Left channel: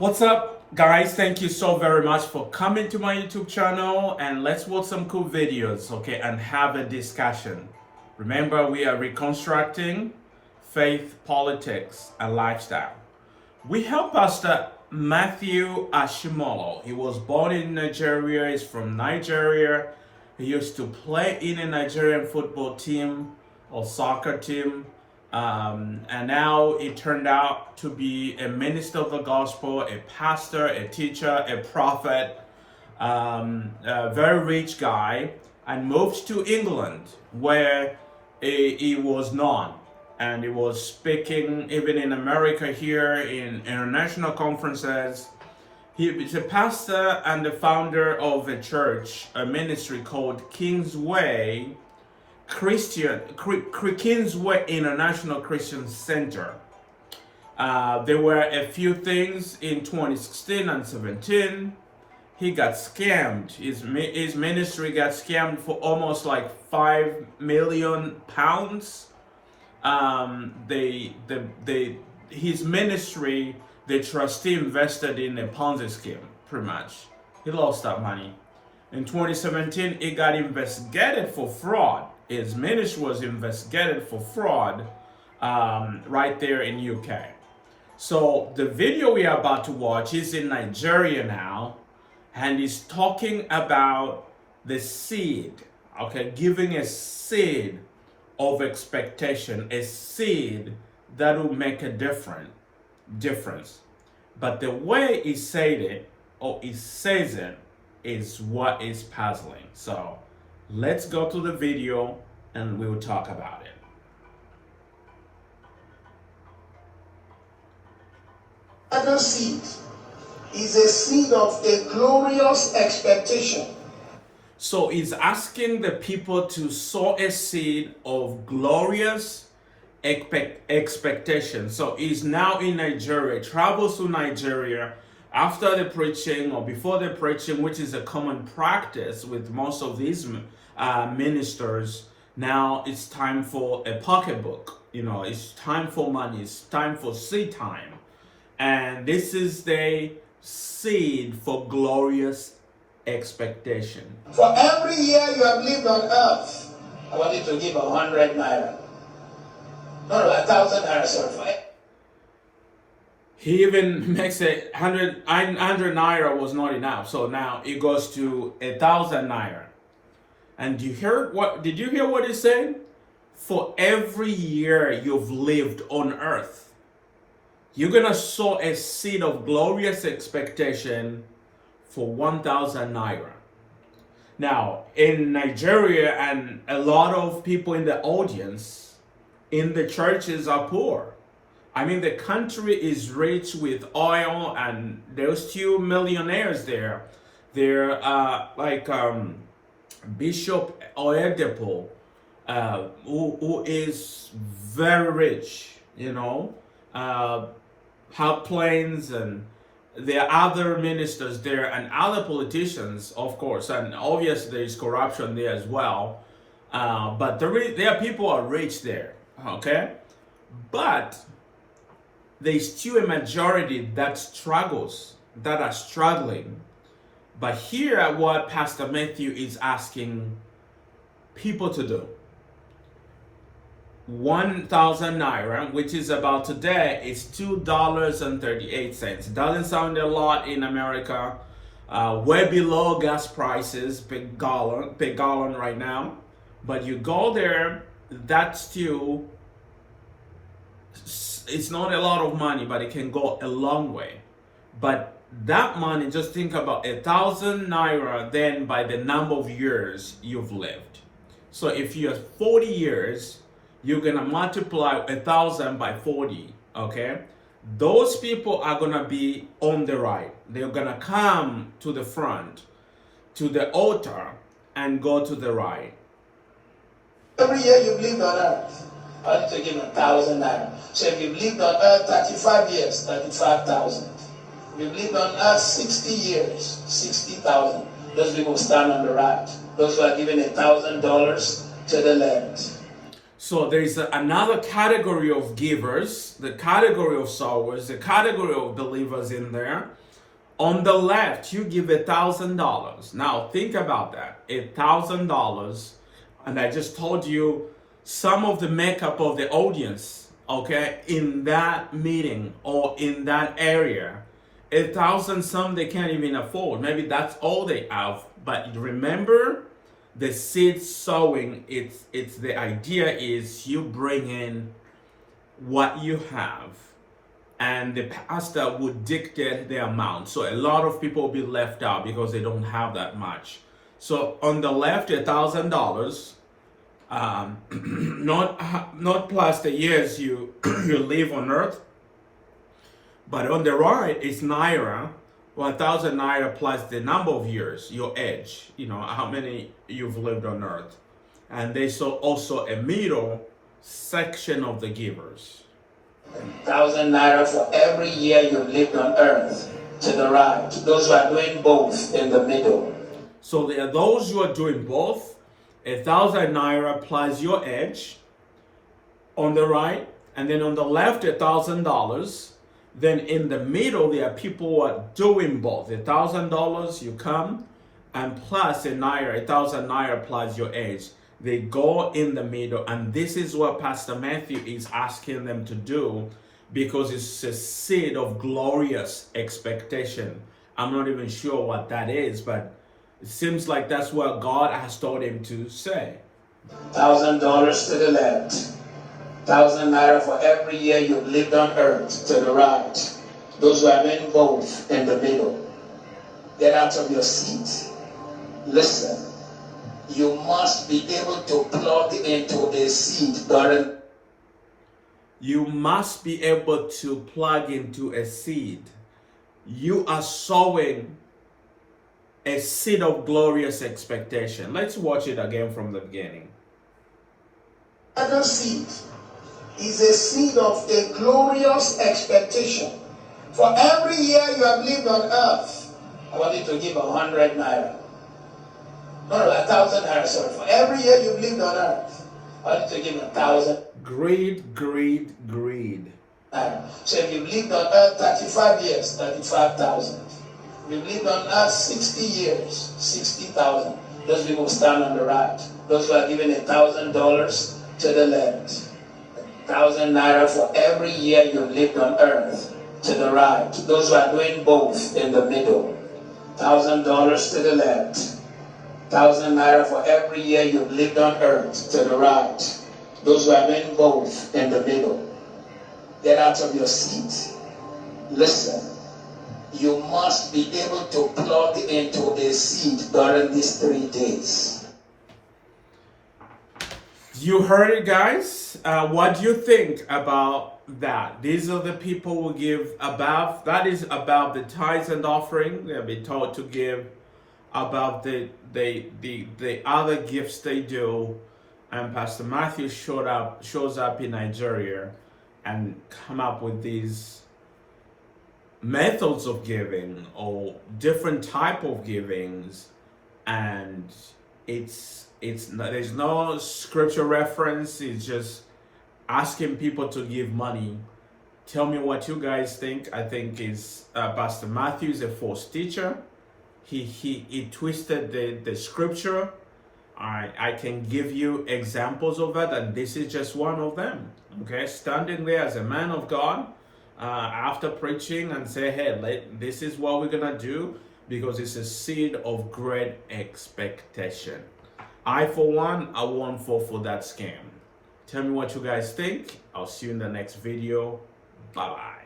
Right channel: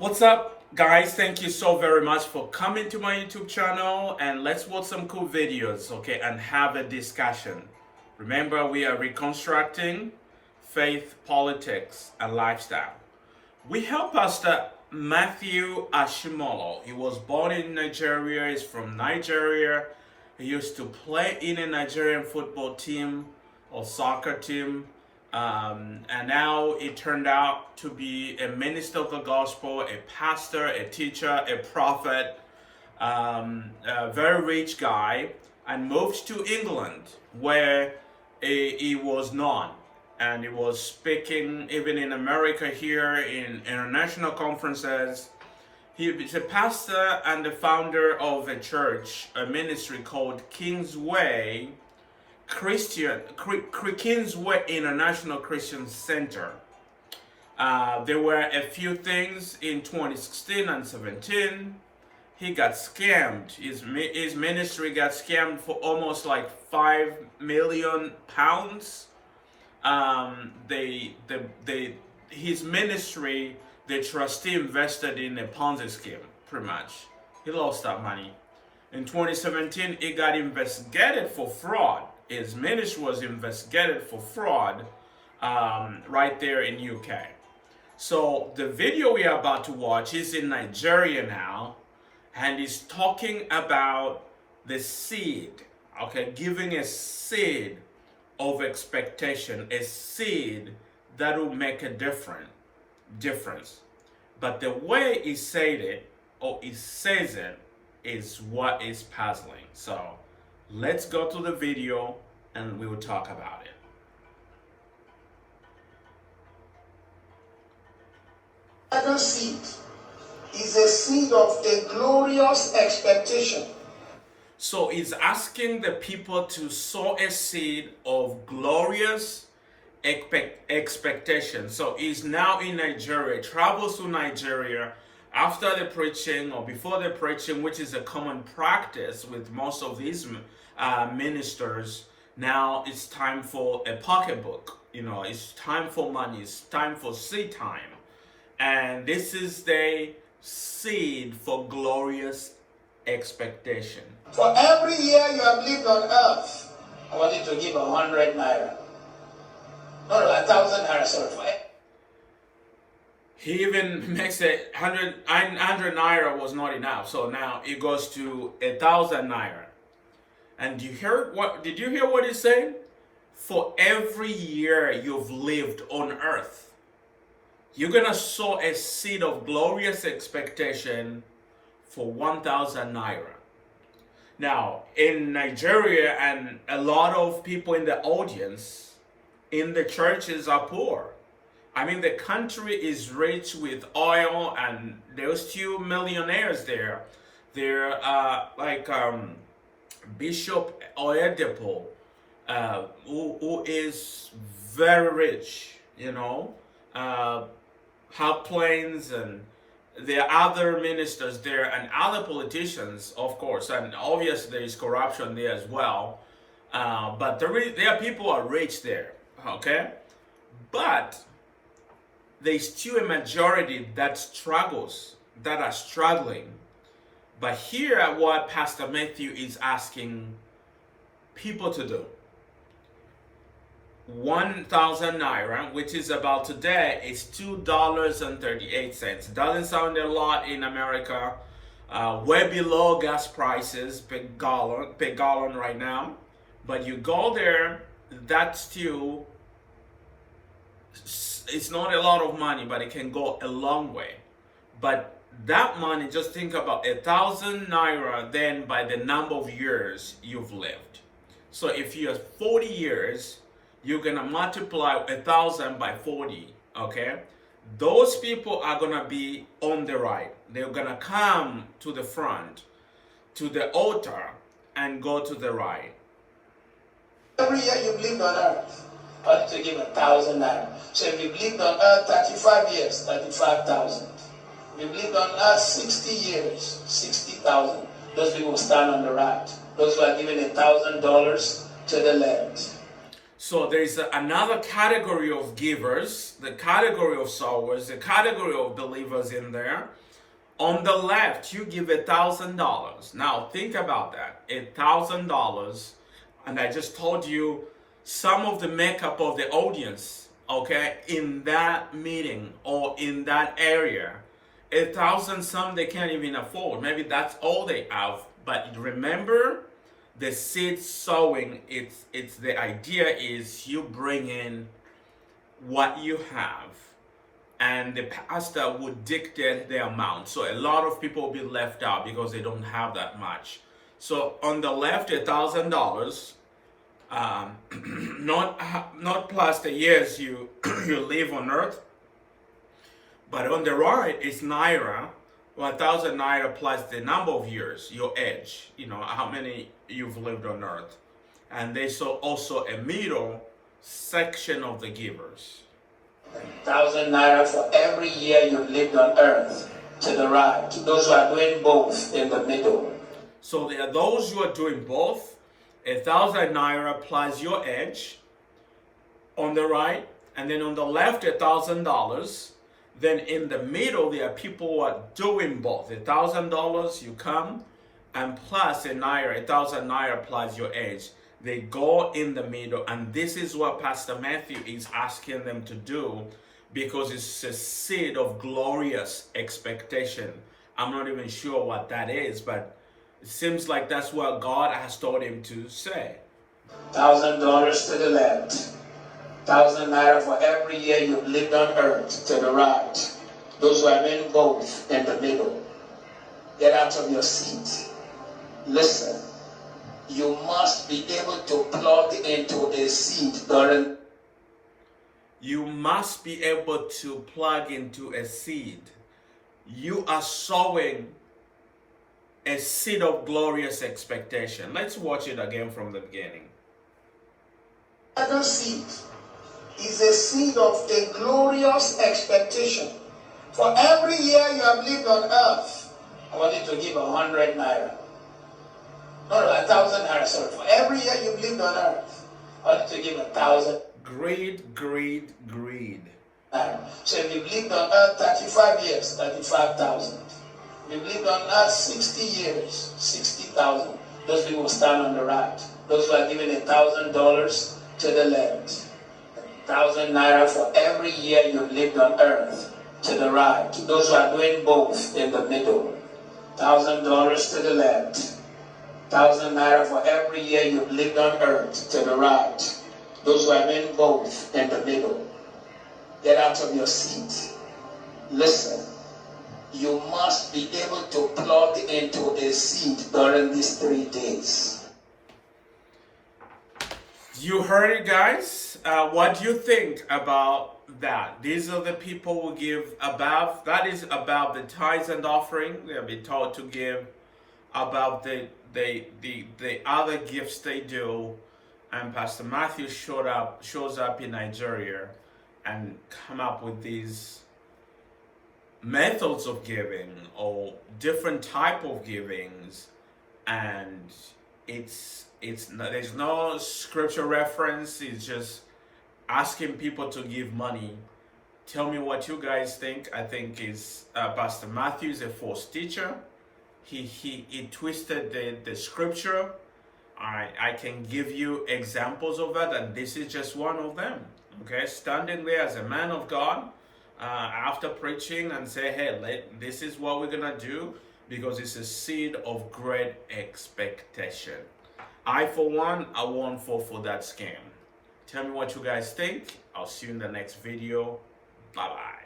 What's up, guys? Thank you so very much for coming to my YouTube channel, and let's watch some cool videos, okay, and have a discussion. Remember, we are reconstructing faith, politics, and lifestyle. We have Pastor Matthew Ashimolowo. He was born in Nigeria. He's from Nigeria. He used to play in a Nigerian football team or soccer team. And now it turned out to be a minister of the gospel, a pastor, a teacher, a prophet, a very rich guy, and moved to England where he was known. And he was speaking even in America here in international conferences. He is a pastor and the founder of a church, a ministry called Kingsway Kingsway International Christian Center. There were a few things in 2016 and 17. He got scammed. His ministry got scammed for almost like £5 million. His ministry, the trustee invested in a Ponzi scheme, pretty much. He lost that money. In 2017, he got investigated for fraud. His ministry was investigated for fraud right there in UK. So the video we are about to watch is in Nigeria now, and he's talking about the seed, okay, giving a seed of expectation, a seed that will make a difference. But the way he said it, or he says it, is what is puzzling. So let's go to the video and we will talk about it. Other seed is a seed of a glorious expectation. So he's asking the people to sow a seed of glorious expectation. So he's now in Nigeria, travels to Nigeria after the preaching or before the preaching, which is a common practice with most of these ministers. Now it's time for a pocketbook. You know, it's time for money. It's time for seed time. And this is the seed for glorious expectation. For every year you have lived on earth, I want you to give 100 naira. No, 1,000 naira, sorry. For He even makes it 100 naira was not enough. So now it goes to 1,000 naira. And did you hear what he's saying? For every year you've lived on earth, you're gonna sow a seed of glorious expectation for 1,000 naira. Now, in Nigeria, and a lot of people in the audience, in the churches are poor. I mean, the country is rich with oil, and there's still millionaires there. There are Bishop Oyedepo, who is very rich, you know, have planes, and there are other ministers there and other politicians, of course, and obviously there is corruption there as well. But there are people who are rich there, okay? But there's still a majority that are struggling. But here, what Pastor Matthew is asking people to do, 1,000 naira, which is about today, is $2.38. Doesn't sound a lot in America. Way below gas prices per gallon right now. But you go there, that's still, it's not a lot of money, but it can go a long way. But that money, just think about 1,000 naira then by the number of years you've lived. So if you have 40 years, you're gonna multiply 1,000 by 40, okay? Those people are gonna be on the right. They're gonna come to the front, to the altar, and go to the right. every year you've lived on earth, I need to give 1,000 naira. So if you've lived on earth 35 years, 35,000. If you've lived on earth 60 years, 60,000. Those people stand on the right. Those who are giving $1,000 to the left. So there is another category of givers, the category of sowers, the category of believers in there. On the left, you give $1,000. Now think about that, $1,000, and I just told you some of the makeup of the audience, okay, in that meeting or in that area. 1,000, some they can't even afford. Maybe that's all they have. But remember, the seed sowing, it's the idea is you bring in what you have, and the pastor would dictate the amount. So a lot of people will be left out because they don't have that much. So on the left, $1,000, not plus the years you you live on earth, but on the right it's Nira, 1,000 Naira plus the number of years, your age, how many you've lived on earth. And there's also a middle section of the givers. 1,000 Naira for every year you've lived on earth, to the right. Those who are doing both in the middle. So there are those who are doing both, 1,000 Naira plus your age on the right, and then on the left, $1,000. Then in the middle, there are people who are doing both. $1,000, you come, and plus a Naira, 1,000 Naira plus your age. They go in the middle, and this is what Pastor Matthew is asking them to do, because it's a seed of glorious expectation. I'm not even sure what that is, but it seems like that's what God has told him to say. $1,000 to the left. 1,000 Naira for every year you've lived on earth, to the right. Those who are in both in the middle. Get out of your seat. Listen. You must be able to plug into a seed during. You must be able to plug into a seed. You are sowing a seed of glorious expectation. Let's watch it again from the beginning. Another seed is a seed of a glorious expectation. For every year you have lived on earth, I want you to give 100 Naira. No, 1,000 Naira, sorry. For every year you've lived on earth, I want you to give 1,000. Greed, greed, greed. So if you've lived on earth 35 years, 35,000. If you've lived on earth 60 years, 60,000. Those people stand on the right. Those who are giving $1,000 to the left. 1,000 Naira for every year you've lived on earth, to the right. Those who are doing both in the middle. $1,000 to the left. 1,000 Naira for every year you've lived on earth, to the right. Those who are doing both in the middle. Get out of your seat. Listen. You must be able to plug into a seed during these 3 days. You heard it, guys. What do you think about that? These are the people who give above. That is about the tithes and offering. They'll be told to give about the other gifts they do. And Pastor Matthew shows up in Nigeria and come up with these methods of giving or different type of givings, and there's no scripture reference. It's just asking people to give money. Tell me what you guys think. I think is Pastor Matthew is a false teacher. He twisted the scripture. I can give you examples of that, and this is just one of them. Okay, standing there as a man of God after preaching and say, hey, this is what we're gonna do, because it's a seed of great expectation. I, for one, I won't fall for that scam. Tell me what you guys think. I'll see you in the next video. Bye-bye.